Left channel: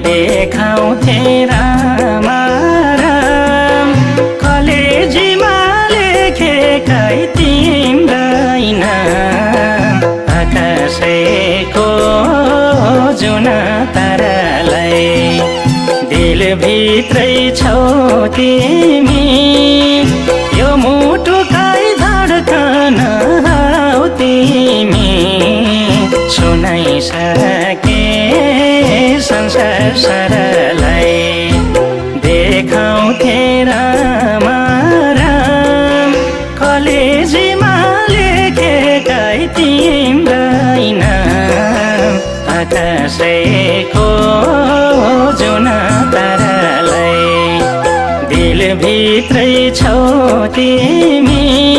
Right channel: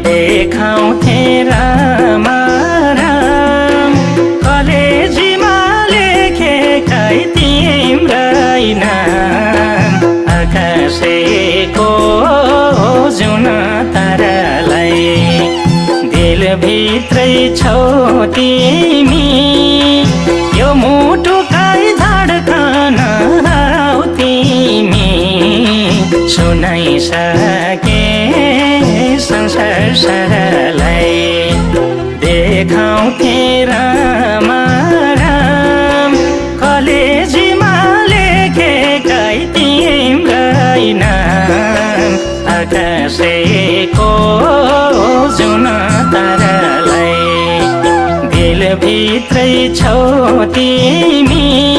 देखाउँथे राम राम कलेजीमा लेखेकै तिम्रै नाम आकाशैको जुन तारालाई दिलभित्रै छौ तिमी यो मुटुकै धड्कन हराउ तिमी सुनाइसके संसार सारालाई देखाउँथे राम राम कलेजीमा लेखेकै तिम्रै नाम आकाशैको जुन तारालाई दिलभित्रै छौ तिमी